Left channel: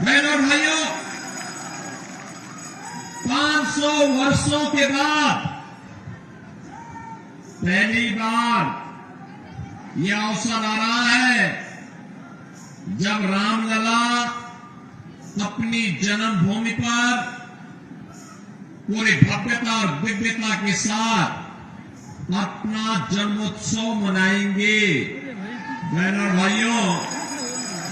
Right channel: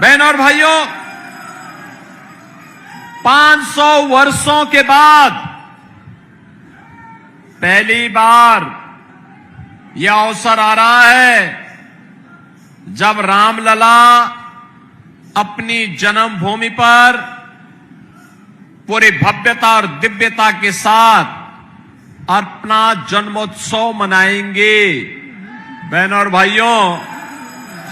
बहनों और भाइयों, 500 वर्षों के बाद पहली बार यह अवसर आ रहा है जब रामलला अपनी जन्मभूमि पर पूरी भव्यता और दिव्यता के साथ अपना जन्मोत्सव मनाएंगे। बहनों और भाइयों,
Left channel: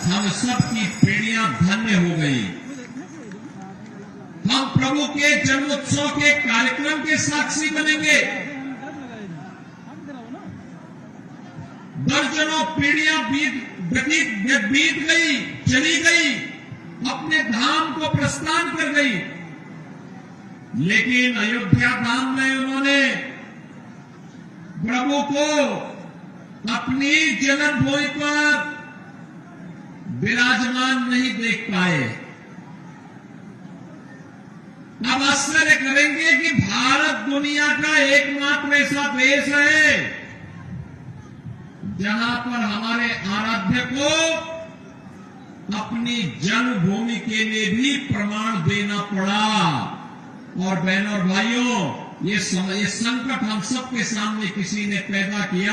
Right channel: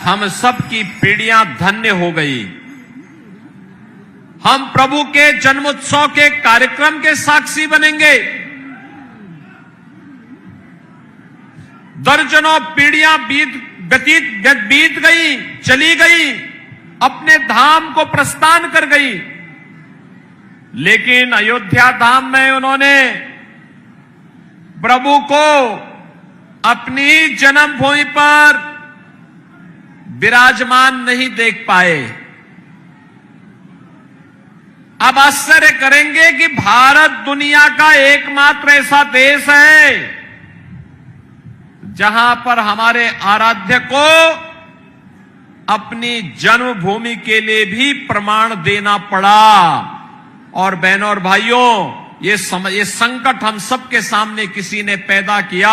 हम सब की पीढ़ियां धन्य हो गई। हम प्रभु के जन्मोत्सव के कार्यक्रम के साक्षी बनेंगे। दर्जनों पीढ़ियां बीत गई, चली गई, अपने धाम को प्रस्थान कर गई, लेकिन अयोध्या धाम में उन्होंने प्रभु को अपनी जन्मभूमि पर विराजमान नहीं देख पाए। अब आश्चर्य करेंगे कि भारत दुनिया का एकमात्र ऐसा देश है जहां पर हमारे आराध्य को अपनी जन्मभूमि के लिए भी प्रमाण देना पड़ा। और बहनों और भाइयों, ये संकट हम सबके सामने किसी ने पैदा किया,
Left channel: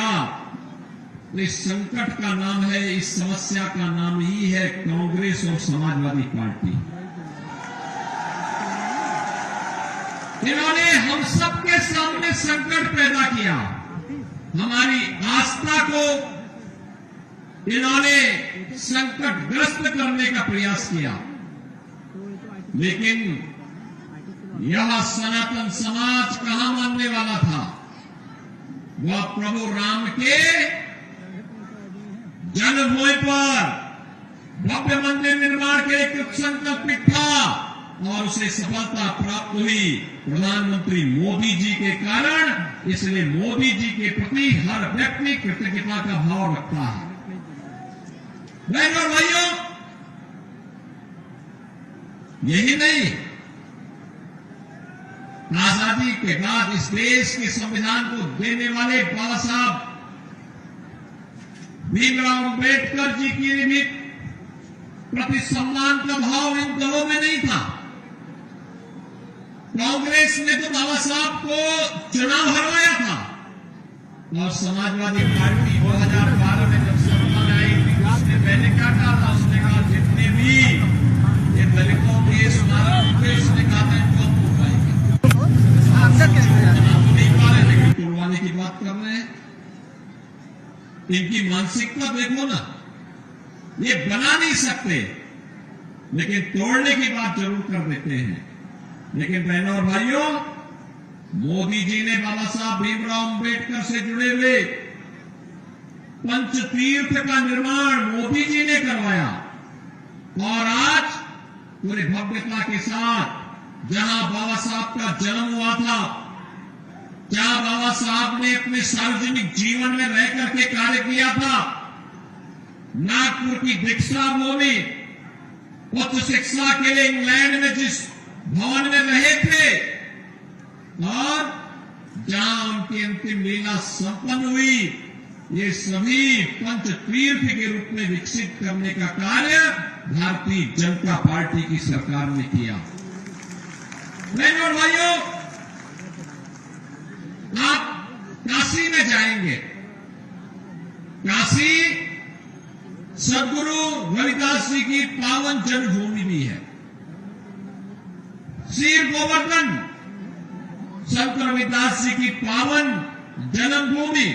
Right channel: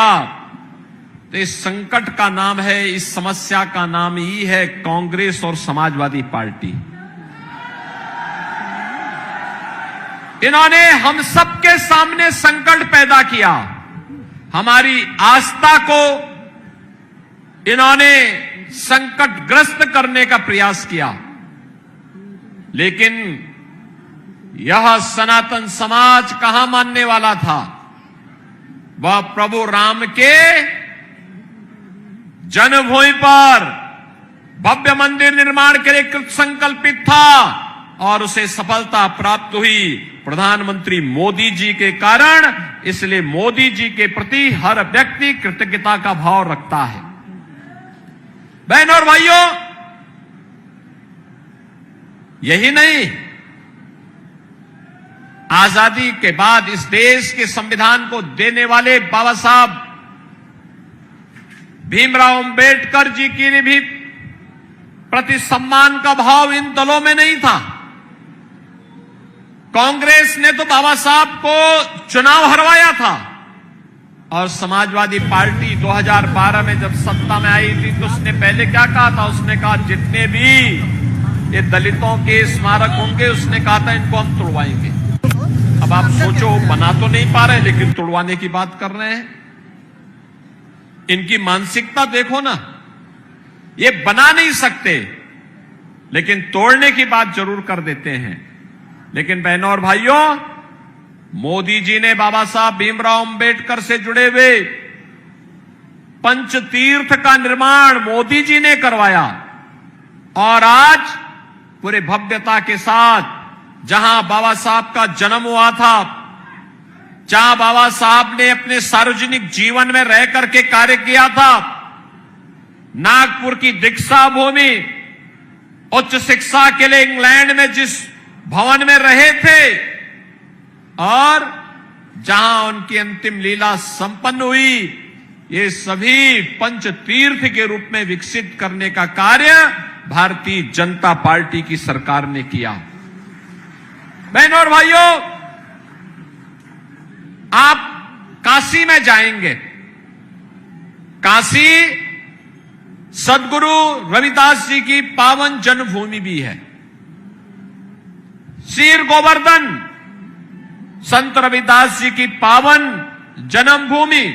तो इस संकट का नाम है, इस समस्या का नाम ही है कांग्रेस और समाजवादी पार्टी। इन्होंने हम सबके सामने संकट पैदा किया। हमारी आस्था को इन्होंने संकटग्रस्त करने का प्रयास किया, लेकिन यह सनातन समाज कहां मानने वाला था। वह प्रभु राम के जन्मभूमि पर भव्य मंदिर निर्माण के लिए कृत संकल्पित था और उसे सफलता प्राप्त हुई प्रधानमंत्री मोदी जी के कारण। इसलिए मोदी जी के प्रति हर व्यक्ति कृतज्ञता का भाव रखता है। बहनों और भाइयों, यही नहीं, आजादी के बाद इस देश के संविधान को देने वाले बाबा साहब भीमराव अंबेडकर जी की भी प्रति सम्मान का भाव इन दलों में नहीं था। कांग्रेस ने तो बाबा साहब को चुनाव हरवाया था और समाजवादी पार्टी 2012 में जब सत्ता में आई थी तो उसने पहले क्या कहा था? उसने कहा जितने भी ये दलितों के स्मारक होंगे, उसने कहा था इनको हम तोड़वाएंगे। अब आप सोचो, बना तो नहीं पा रहे लेकिन तोड़वाने की बात कर रहे हैं। इनकी मानसिकता देखो ना, ये बना नहीं सकते लेकिन तोड़ने की बात जरूर कर देते हैं। लेकिन बहनों और भाइयों, मोदी जी ने बाबा साहब भीमराव अंबेडकर से जुड़े हुए पंचतीर्थ का निर्माण मोदी जी ने करवाया और आज पूरे भव्यता के साथ जहां बाबा साहब का जन्म हुआ था, जहां बाबा साहब ने अपने सार्वजनिक जीवन में रह करके कार्य किया था, नागपुर की दीक्षा भूमि, उच्च शिक्षा के लिए इंग्लैंड में जिस भवन में रहे थे और जहां उनकी अंतिम लीला संपन्न हुई, ये सभी पंचतीर्थ के रूप में विकसित करने का कार्य भारतीय जनता पार्टी की सरकार ने किया। बहनों और भाइयों, आप काशी में जाएंगे, काशी सदगुरु रविदास जी की पावन जन्मभूमि भी है। शीर गोवर्धन संत रविदास जी की पावन जन्मभूमि।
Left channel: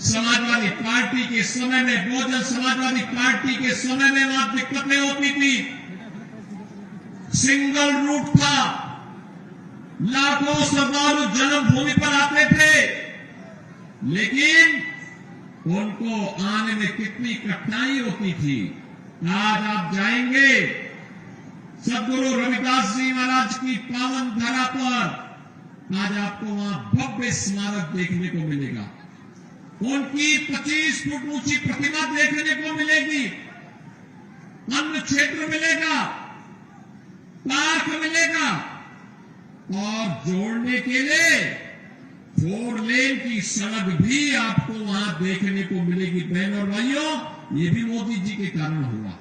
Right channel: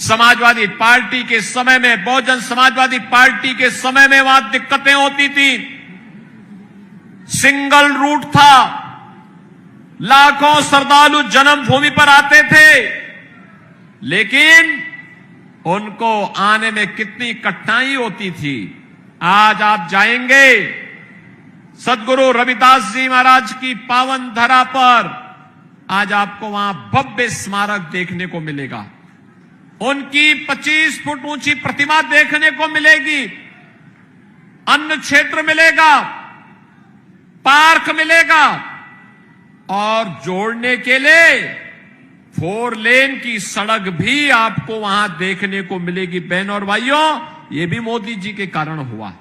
समाजवादी पार्टी के समय में, बहुजन समाजवादी पार्टी के समय में वहां दिक्कतें होती थी, सिंगल रूट था, लाखों श्रद्धालु जन्मभूमि पर आते थे, लेकिन उनको आने में कितनी कठिनाई होती थी। आज आप जाएंगे सदगुरु रविदास जी महाराज की पावन धरा पर, आज आपको वहां भव्य स्मारक देखने को मिलेगा, उनकी 25 फुट ऊंची प्रतिमा देखने को मिलेगी, अन्न क्षेत्र मिलेगा, पार्क मिलेगा और जोड़ने के लिए 4 लेन की सड़क भी आपको वहां देखने को मिलेगी। बहनों और भाइयों, ये भी मोदी जी के कारण हुआ।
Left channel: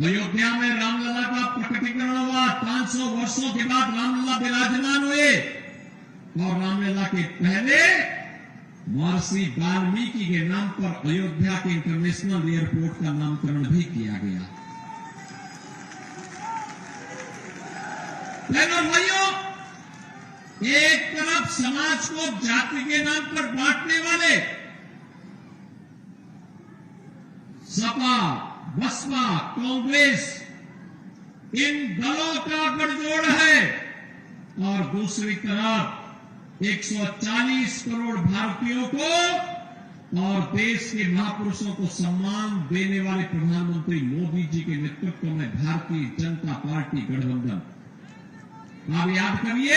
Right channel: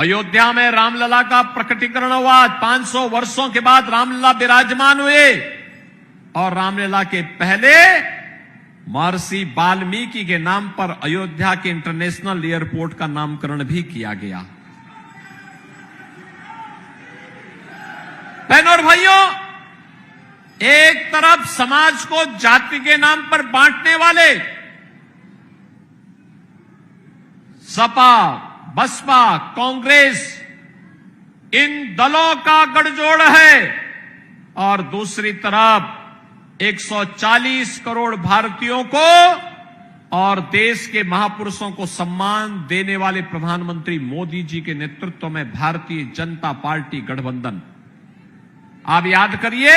अयोध्या में रामलला का प्रकटीकरण हुआ। 500 वर्षों के बाद रामलला विराजमान हुए और रामलला के पहले महर्षि वाल्मीकि के नाम पर अयोध्या के इंटरनेशनल एयरपोर्ट का नामकरण भी किया गया। बहनों और भाइयों, एक तरफ समाज को जाति के नाम पर बांटने वाले सपा, बसपा, कांग्रेस, इन दलों का गठजोड़ है और दूसरी तरफ 140 करोड़ भारतीयों को और देश के महापुरुषों को सम्मान देने वाले प्रधानमंत्री मोदी जी के नेतृत्व में भारतीय जनता पार्टी गठबंधन। आप याद करिए,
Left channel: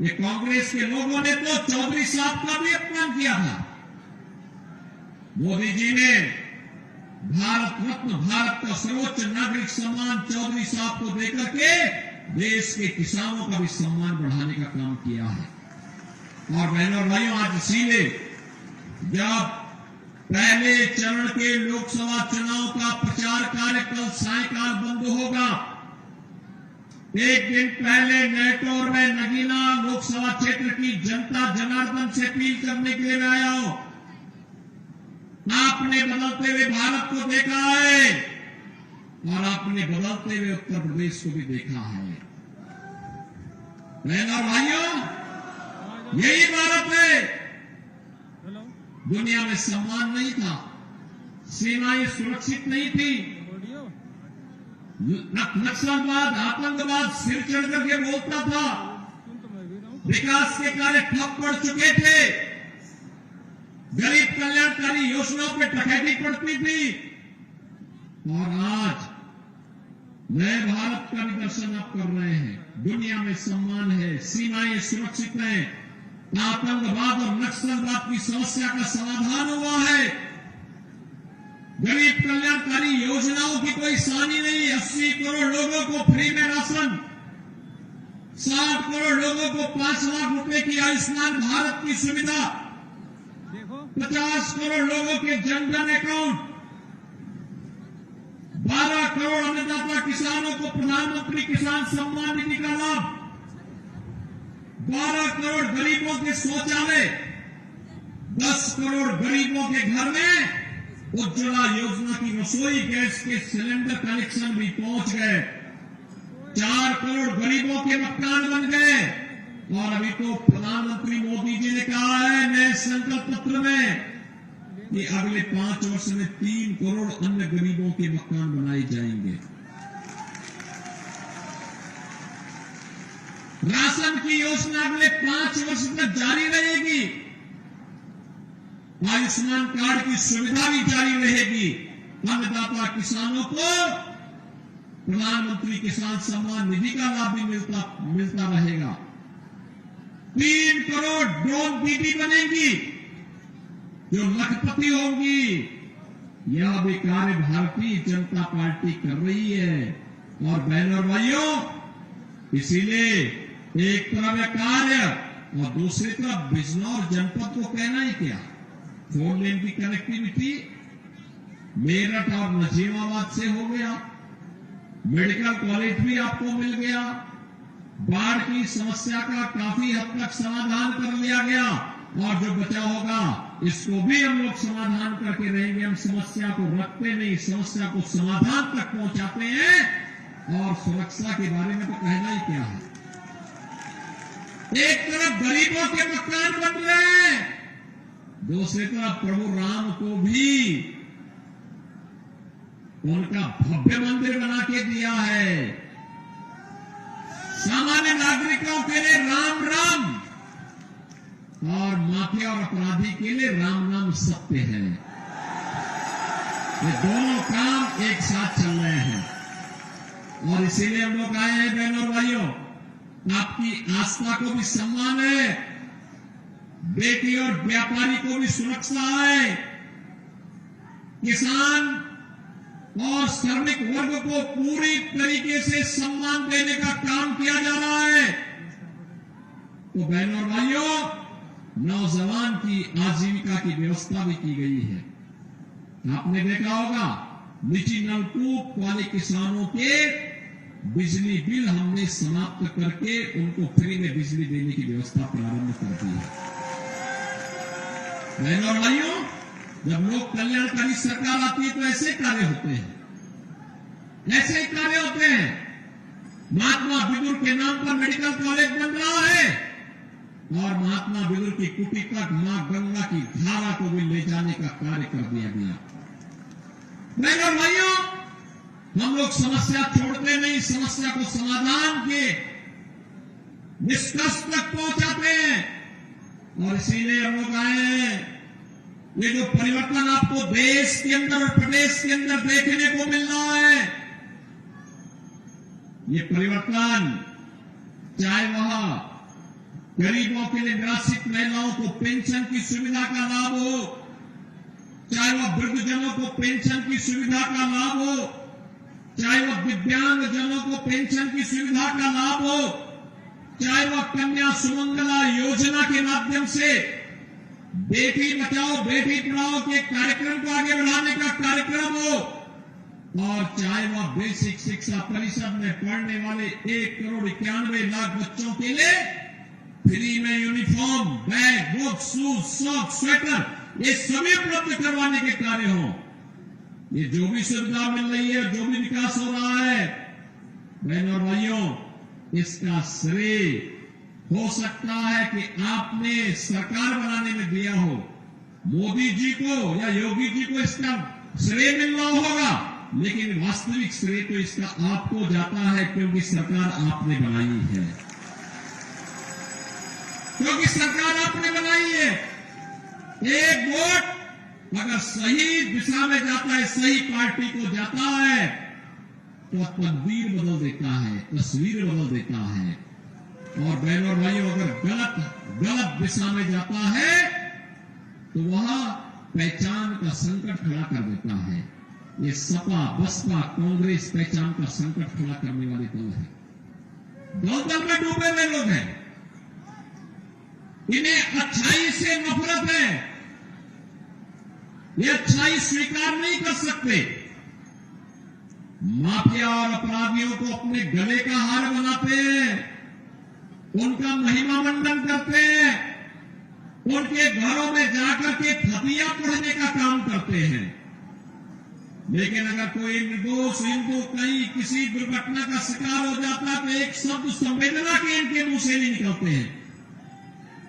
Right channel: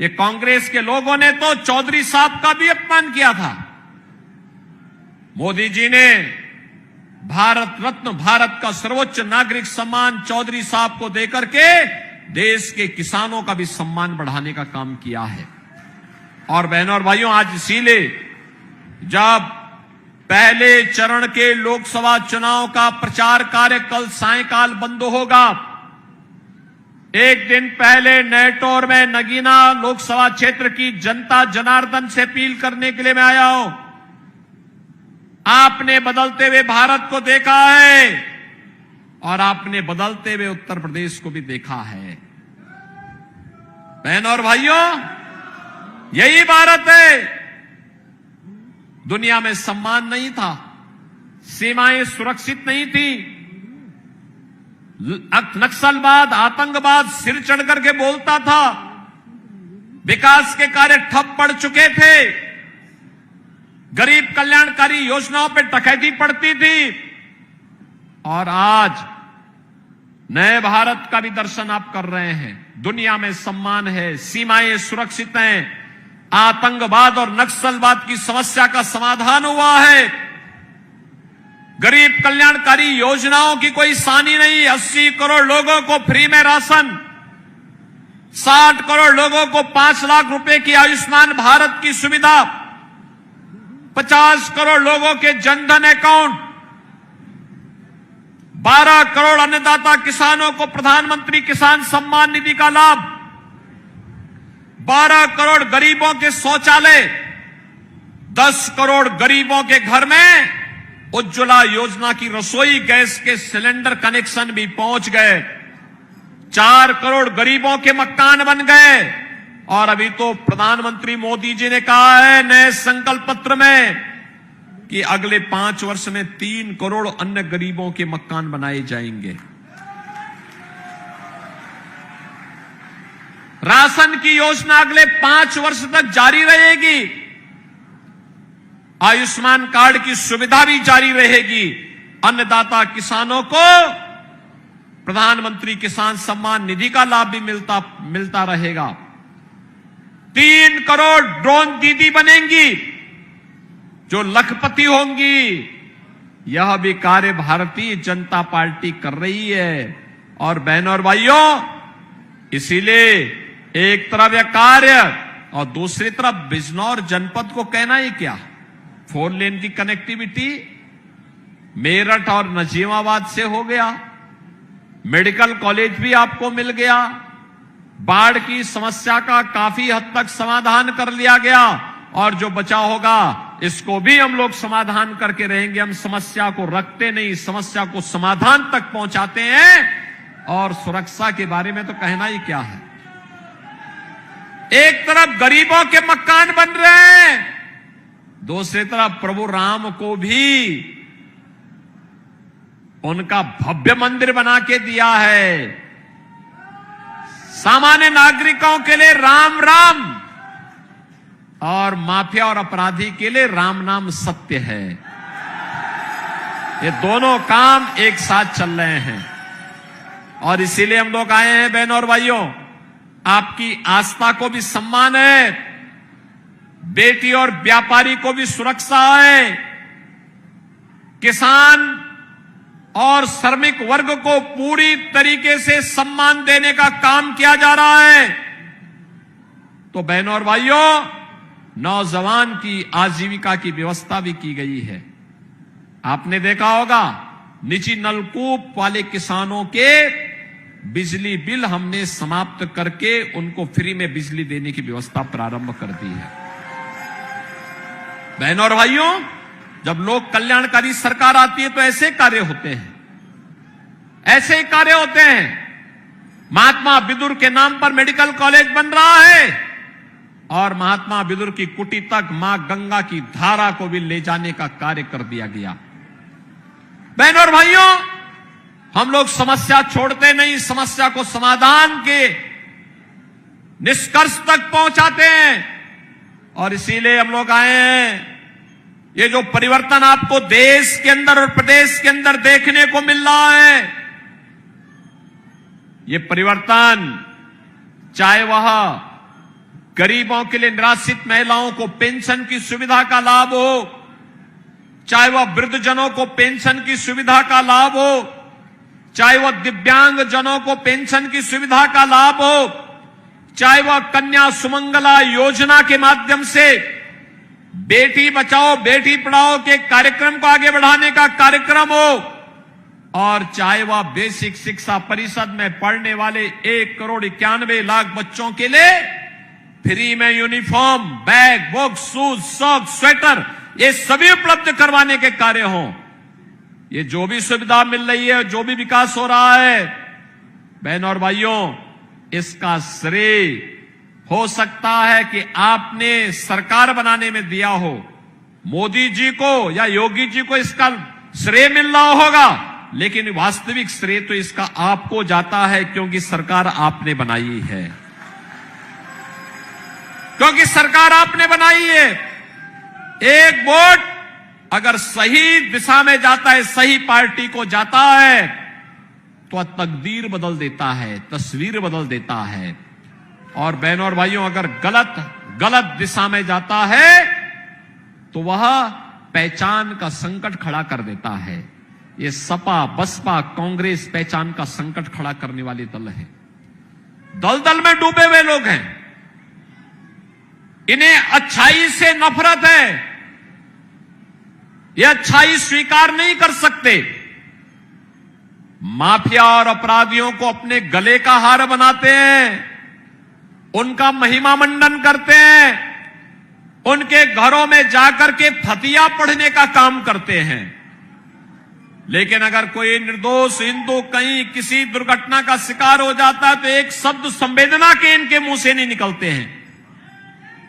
ये कांग्रेस के लोगों ने तो चौधरी साहब का भी अपमान किया था। मोदी जी ने भारत रत्न, भारत का सर्वोच्च नागरिक सम्मान चौधरी साहब को देकर के देश के किसानों का भी सम्मान बढ़ाने का काम किया है। और बहनों और भाइयों, आज इसीलिए जब पहले चरण के लोकसभा चुनाव का प्रचार कार्य कल सायंकाल बंद होगा, एक दिन पहले नेटौर में नगीना लोकसभा क्षेत्र की जनता जनार्दन से अपील करने के लिए मैं आया हूं। आपने बदलते हुए भारत को देखा है और आपने बदलते हुए उत्तर प्रदेश को भी देखा है। बहनों और भाइयों, यही भारत है। दुनिया में सम्मान नहीं था, सीमाएं सुरक्षित नहीं थी, नक्सलवाद, आतंकवाद सिर चढ़ करके बोलता था, विकास के कार्य ठप पड़ चुके थे, गरीब कल्याणकारी योजनाओं पर डकैती पड़ती थी। और आज नए भारत का भी दर्शन आप कर रहे हैं। दुनिया में सम्मान है, सीमाएं सुरक्षित हैं, आतंकवाद और नक्सलवाद की समस्या का समाधान हुआ है, गरीब कल्याणकारी योजनाओं की कोई सानी नहीं। 80 करोड़ लोगों को फ्री में राशन, 60 करोड़ लोगों को 5 लाख रुपए की आयुष्मान भारत की सुविधा, 50 करोड़ लोगों के जनधन अकाउंट, 12 करोड़ अन्नदाता किसानों को प्रधानमंत्री किसान सम्मान निधि का लाभ, 12 करोड़ गरीबों के शौचालय, 10 करोड़ गरीबों के घर में उज्ज्वला योजना की रसोई गैस के सिलेंडर कनेक्शन भी पहुंच गए, 4 करोड़ गरीबों के मकान बन गए। और अभी तो प्रधानमंत्री मोदी जी ने कहा है नए संकल्प पत्र में कि अगले 5 वर्ष में 3 करोड़ अन्य गरीबों के मकान बनाए जाएंगे। राशन की योजना अगले 5 वर्ष तक जारी रहेगी, आयुष्मान कार्ड की सुविधा भी जारी रहेगी, अन्नदाता किसानों को प्रधानमंत्री किसान सम्मान निधि का लाभ भी मिलता रहेगा, 3 करोड़ ड्रोन दीदी बनेंगी जो लखपति होंगी। यह भी कार्य भारतीय जनता पार्टी कर रही है। और बहनों और भाइयों, इसीलिए एक तरफ यह कार्य और दूसरी तरफ बिजनौर जनपद को कहना ही क्या, 4 लेन की कनेक्टिविटी मेरठ और नजीमाबाद से हो गया, मेडिकल कॉलेज भी आपको मिल गया, बाढ़ की समस्या का काफी हद तक समाधान कर लिया गया और जो बचा होगा इसको भी हम लोग समाधान करके रहेंगे। हम समस्या को रखते नहीं, समस्या को समाधान तक पहुंचाते हैं। और सुरक्षा के बारे में तो कहना ही क्या है, एक तरफ गरीबों के मकान बन रहे हैं, दूसरी तरफ प्रभु राम को भी उनका भव्य मंदिर बना के दिया है। सामान्य नागरिकों के लिए राम राम और माफिया और अपराधी के लिए राम नाम सत्य है। ये दोनों काम एक साथ चल रहे हैं और इसीलिए हम लोग आए हैं। बहनों और भाइयों, आपकी आस्था को भी सम्मान है, बेटी और व्यापारी को भी सुरक्षा है, किसान और श्रमिक वर्ग को पूरी तरीके से सम्मान देने का काम किया जा रहा है। तो बहनों और भाइयों, नौजवान की आजीविका की व्यवस्था भी की गई है। आपने देखा होगा निजी नलकूप वाले किसानों के बिजली बिल हमने समाप्त करके उनको फ्री में बिजली देने की व्यवस्था प्रारंभ कर दी है। बहनों और भाइयों, जब लोक कल्याणकारी सरकार आती है तो ऐसे कार्य होते हैं, ऐसे कार्य होते हैं। महात्मा बिदुर के नाम पर मेडिकल कॉलेज बन रहा है और महात्मा बिदुर की कुटी तक मां गंगा की धारा को भी ले जाने का कार्य कर दिया गया। बहनों और भाइयों, हम लोग समस्या छोड़ते नहीं, समस्या को समाधान के निष्कर्ष तक पहुंचाते हैं और इसीलिए हम लोग आए हैं। ये जो परिवर्तन आपको देश के अंदर और प्रदेश के अंदर देखने को मिल रहा है, ये परिवर्तन चाहे वह गरीबों के लिए निराश्रित महिलाओं को पेंशन की सुविधा का लाभ हो, चाहे वह वृद्धजनों को पेंशन की सुविधा का लाभ हो, चाहे वह दिव्यांग जनों को पेंशन की सुविधा का लाभ हो, चाहे वह कन्या सुमंगला योजना के माध्यम से बेटी बचाओ बेटी पढ़ाओ के कार्यक्रम को आगे बढ़ाने का कार्यक्रम हो, और चाहे वह बेसिक शिक्षा परिषद में पढ़ने वाले 1,91,00,000 बच्चों के लिए फ्री में uniform, bag, book, shoes, socks, sweater ये सभी उपलब्ध करवाने के कार्य हों। ये जो भी सुविधा मिल रही है, जो भी विकास हो रहा है, बहनों और भाइयों, इसका श्रेय हो सकता है कि आपने सरकार बनाने में दिया हो, मोदी जी को या योगी जी को इसका श्रेय मिल रहा होगा, लेकिन वास्तविक श्रेय तो इसका आपको जाता है, क्योंकि सरकार आपने बनाई है, क्योंकि सरकार आपने बनाई है। एक वोट अगर सही दिशा में जाता है, सही पार्टी को जाता है, तो तकदीर बदल देता है, तस्वीर बदल देता है। और बहनों और भाइयों, अगर गलत दिशा में जाता है तो वह पहचान का संकट खड़ा कर देता है। ये सपा, बसपा, कांग्रेस पहचान का संकट खड़ा करने वाले दल है, दलदल में डूबे हुए लोग हैं। इन्हें अच्छाई से नफरत है, ये अच्छाई स्वीकार नहीं कर सकते। माफिया और अपराधियों को अपने गले का हार बनाते हैं, उनका महिमा मंडन करते हैं, उनके घरों में जाकर के फतिया पढ़ने का काम करते हैं। लेकिन अगर कोई निर्दोष हिंदू कहीं किसी दुर्घटना का शिकार हो जाता है तो एक शब्द संवेदना के इनके मुंह से नहीं निकलते हैं।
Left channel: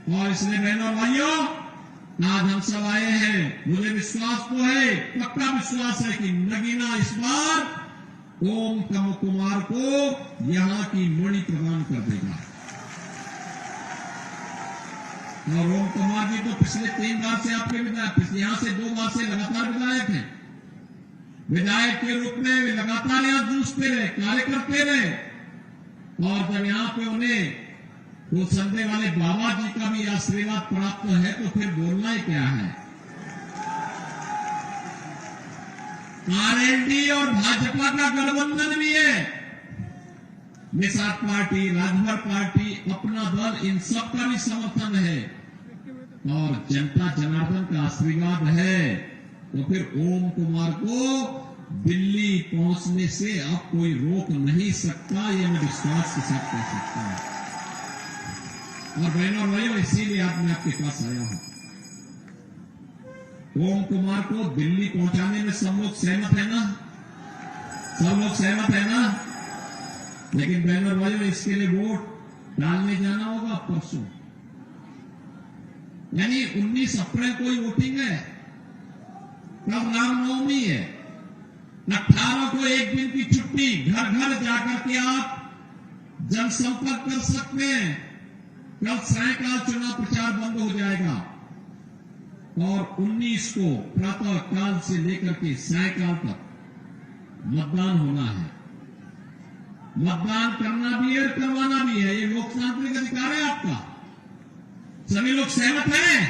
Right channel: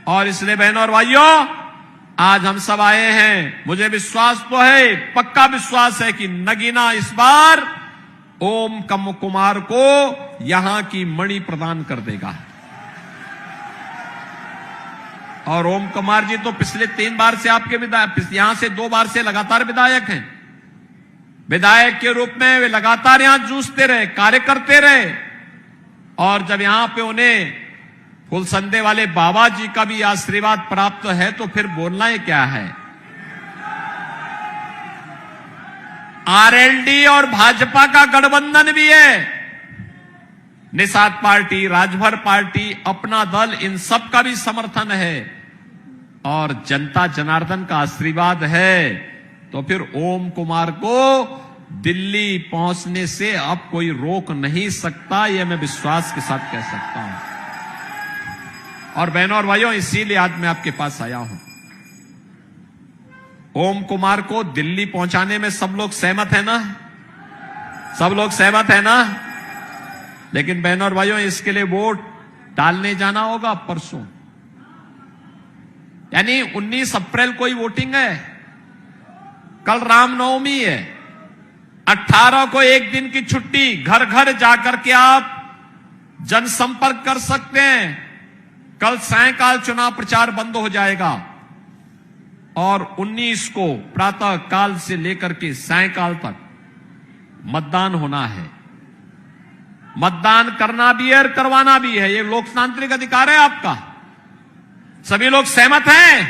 और इसलिए बहनों और भाइयों, आज हम सब आए हैं, मुझे विश्वास तो है, पक्का विश्वास है कि नगीना इस बार ओम कुमार को यहां की मणि प्रदान कर देगा। और ओम कुमार जी तो पिछले 3 बार से आपके विधायक, यहां से 2 बार से लगातार विधायक हैं। विधायक के रूप में वे लगातार यहां जूझते रहे, कार्य करते रहे, और जब यहां पे उन्हें फुलसंदे वाले बाबा जी का भी आशीर्वाद प्राप्त है तो फिर बोलना ही क्या है। आरएलडी और भाजपा का गठबंधन भी है, निषाद पार्टी, राजभर पार्टी, अपना दल, इन सब का भी समर्थन है, और जनता जनार्दन का आशीर्वाद है, तो फिर ओम कुमार को दिल्ली पहुंचने से अब कोई रोक नहीं सकता, यह मैं विश्वास के साथ कह सकता हूं। और बहनों और भाइयों, इसीलिए आज मैं आपके पास आया हूं। ओम कुमार को दिल्ली पहुंचाने में सब लोग सहमत है ना? सब लोग सहमत है ना? लेकिन बहनों और भाइयों, इसके लिए वोट डालने जाना होगा परसों, यानी 19 अप्रैल को ही वोटिंग है। कल रामनवमी है, 18 को एक दिन की छुट्टी, घर घर जाकर के आप जनसंपर्क कर सकते हैं। कल सायंकाल चुनाव प्रचार बंद हो जाएगा और 19 को प्रातः काल से लेकर के सायंकाल तक मतदान होना है। मतदान करना भी है और करवाना भी है, ये लोकतांत्रिक अधिकार है आपका। सभी लोग सहमत हैं?